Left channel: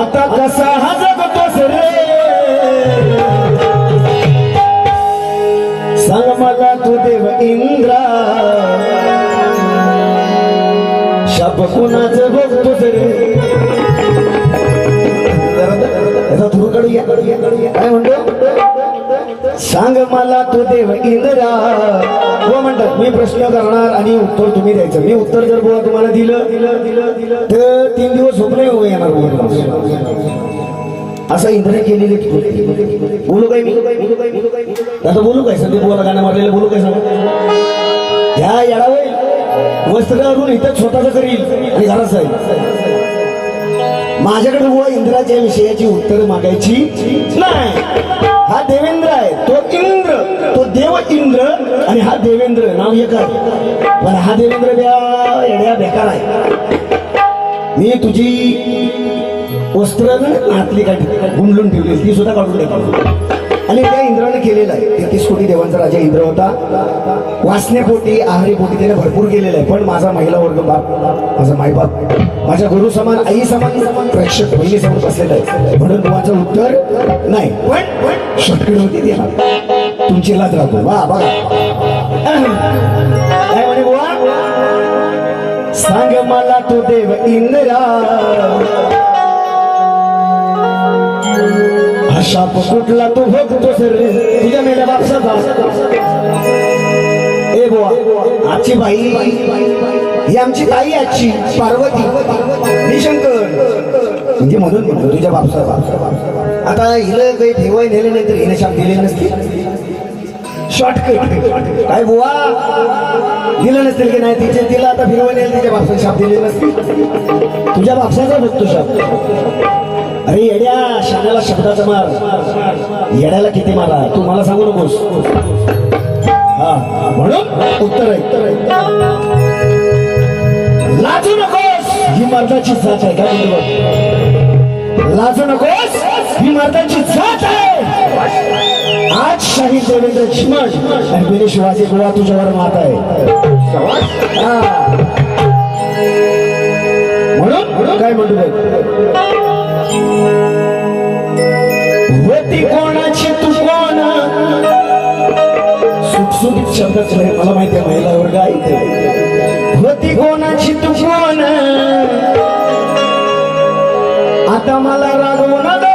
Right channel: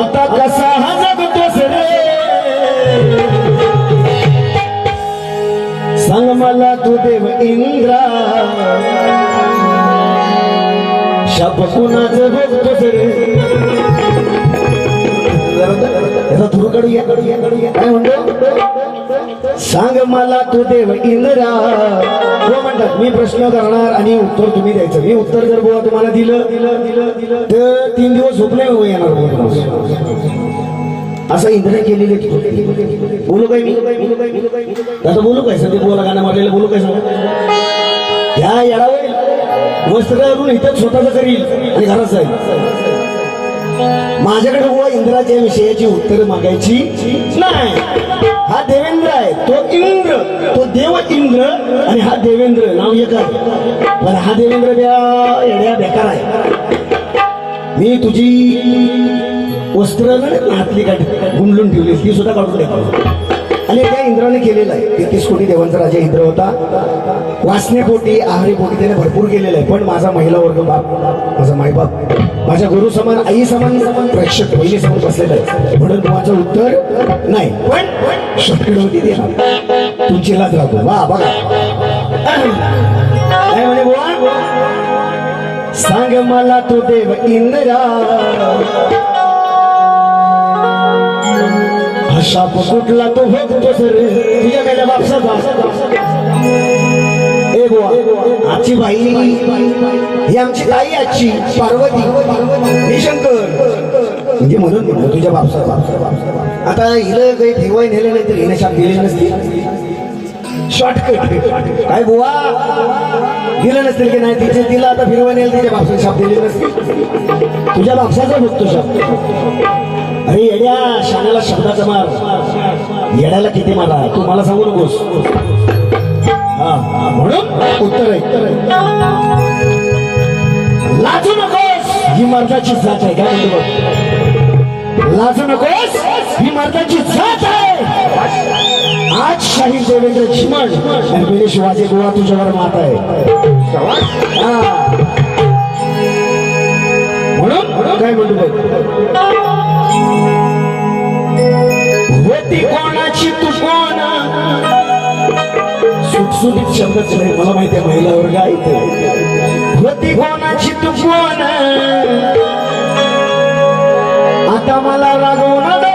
आता कसा हा जगतोस रे सांग मला तू देव इंद्रा. शाप कुणाच बघतोस रे याचा थोडं कडूया कडूया कडूया काय म्हणतो? सांग मला तू देव इंद्रा. हो म्हणतात मी प्रश्न करणार आणि उत्तर तुम्ही द्यायचं. मी उत्तर जर बुवा तुम्हाला दिलं दिलं दिलं दिलं तर तीन दिवस झोप नाही उभं येणार बुवा. असं इंद्र केलेली बोलू काय बोलू काय बोलू काय आता बोलू काय? सध्या बोला गाणं मारलेलं बोलू काय सांगू? ह्या येडावे वस्त्र घालून इथं स्वतःच करील आणि घरात जाईल. माझ्याकडे बुवा इंद्राच्या विषयाची उत्तर मागायची नाही. देव इंद्र आणि हा देवेंद्र नाव एक आहे. पण हा देवेंद्र ब्या येड्या बेकार आहे. मी तुझी वस्त्र आतली काय गुंडलून ठेवली ती सुद्धा काढून देतो आणि त्या इंद्राने केलेलं आहे. तेहतीस कोटी देवांचा राजा इंद्र होता. वाचण्यापोटी आहारी पोटी त्याने भरपूर केलेलं आहे. पण माझा महिला वर्ग बाप माझा मायबाप माझ्या गुरु समान आई समान प्रेक्षक पहिले समोर बसलेलं आहे. म्हणून तुम्हाला उत्तर नाही. पण शक्य होती देणार तुमची लाज राहतो वा. बघा काय म्हणे बुवा? सांग मला तो देव इंद्रा. हा शाप कुठला तो बघतो सर. तुझ्या मेल्या बापसाचा. ए बुवा आजची बाई ही आमची ताई आजची पार्वती. निशंकर म्हणजे म्हणून तुझ्या बापसा आता हिला काही ठेवाय नेलं नाही तर हिने शाप दिले नसते. शॉर्टकट काय बुवा? दिलं नसतील की नाही तिचे तिला आता फिरवाय नेल तिच्या बापसा शाप दिले नसतील तुझ्या बापसाचा बघतो शाप. अरे येड्या शाण्याला शब्दाचा मार. येड्याला किती मारा? तू मला सांगू नकोस. हा म्हणून उत्तर आहे. लाजू नकोस. ही मर्दाची जात आहे काय लाजू नकोस. ही मर्दाची जात आहे. आज शाहीर देवेंद्र चिमण आणि पहिले शिवाजी गोळा तुझ्यावर मात आहे. म्हणून काय म्हणतो बघ? होती कोणाची तू कोण सुटसुटीत शब्दच नाही मला माहिती आहे महिला वर्ग ऐकते होती कोणाची तू कोण आता मला रागवणार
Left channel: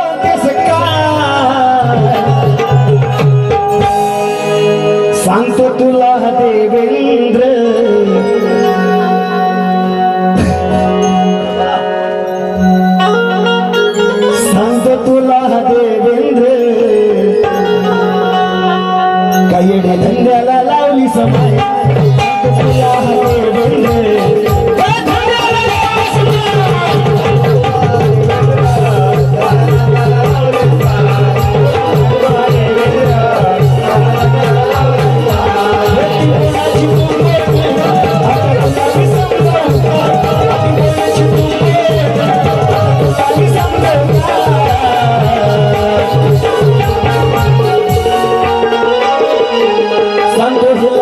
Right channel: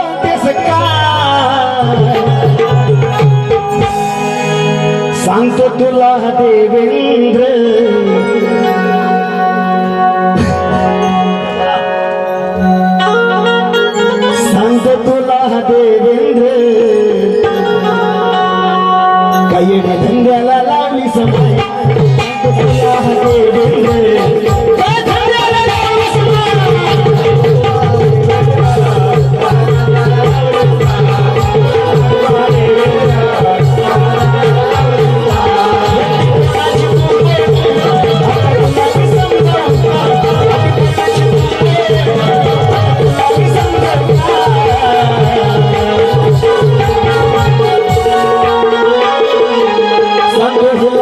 Gracias.